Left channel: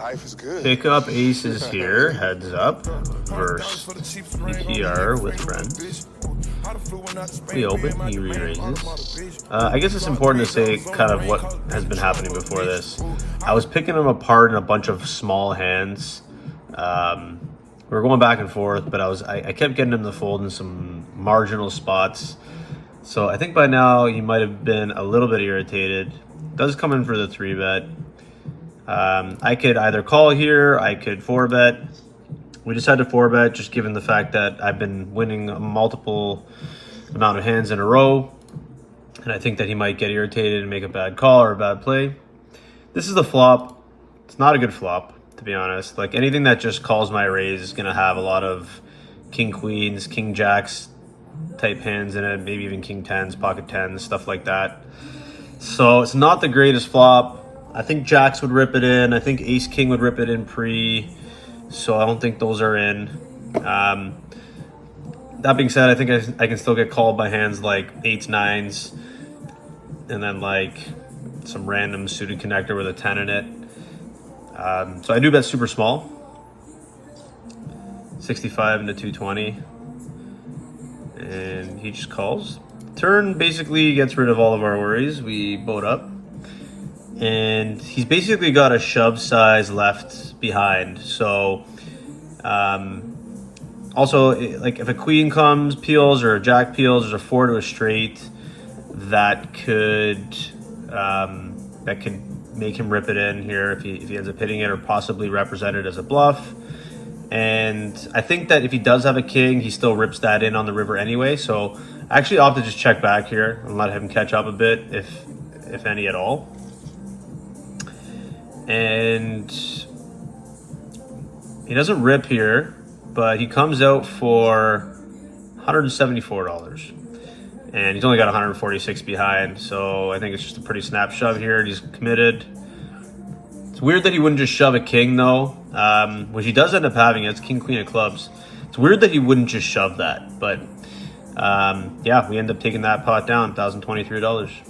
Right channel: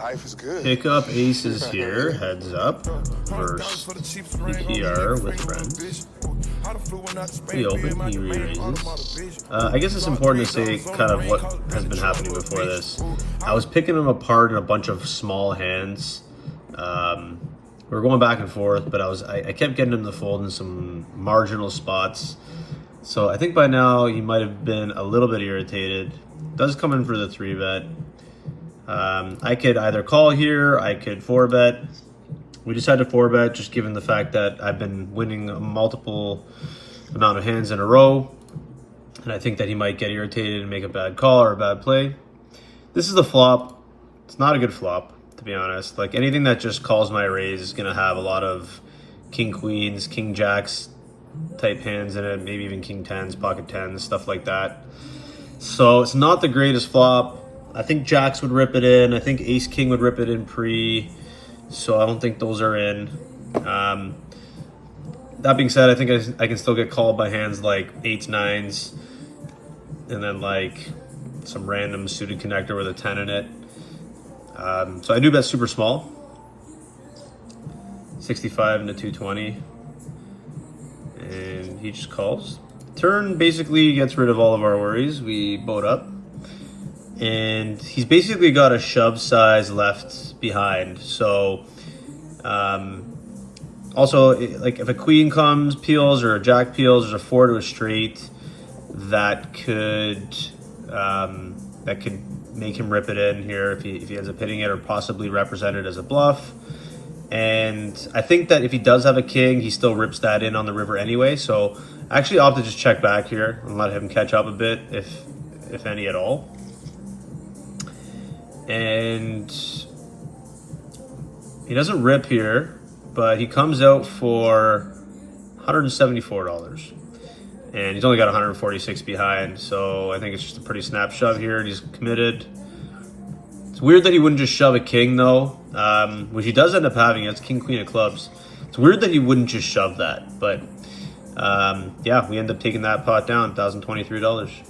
Life is good. Pick up aces here, heads up, versus PPR with friends. We open, he re-raises. I guess it's important to say kind of what has been happening before this. I was picking him apart in a bunch of small hands. We were going back and forth, but I kept getting him to fold in some marginal spots. So I think by now he might have been a little bit irritated. Does come in for the 3-bet. I could either call here, I could 4-bet. We decided to 4-bet just given the fact that I've been winning a multiple amount of hands in a row. And I think that he might get irritated and make a bad call or a bad play. This is the flop. It's not a good flop, to be honest. Like anything that just calls my raise is going to have a lot of king queens, king jacks type hands in it, maybe even king tens, pocket tens, stuff like that. So it's not the greatest flop. I think jacks would rip it in. I think ace king would rip it in pre. So I don't think those are in. That being said, I think I can still get called by hands like eights, nines, and then like some random suited connector with a 10 in it. So I do bet super small, 65 into 220, and he just calls. Turn basically gets rid of all of our worries. We boat up, and he's basically got a shove size left behind. So also, like if a queen comes, peels, or a jack peels, there's a 4 to a straight that could make him rip it in here if he ends up hitting it, or possibly represent it as a bluff. And I think that if he does have a king, he still rips that in on the river anyway. So I actually opted to just check back here and let him catch up a bit, if any at all. And he doesn't rip here, but he comes out for $174. And he's only got 146 behind, so I think it's just a pretty snap shove here, and he's committed. It's weird that he wouldn't just shove a king, though, which he does end up having. It's king, queen of clubs. It's weird that he wouldn't just shove that, but yeah, we end up taking that pot down, $1,023.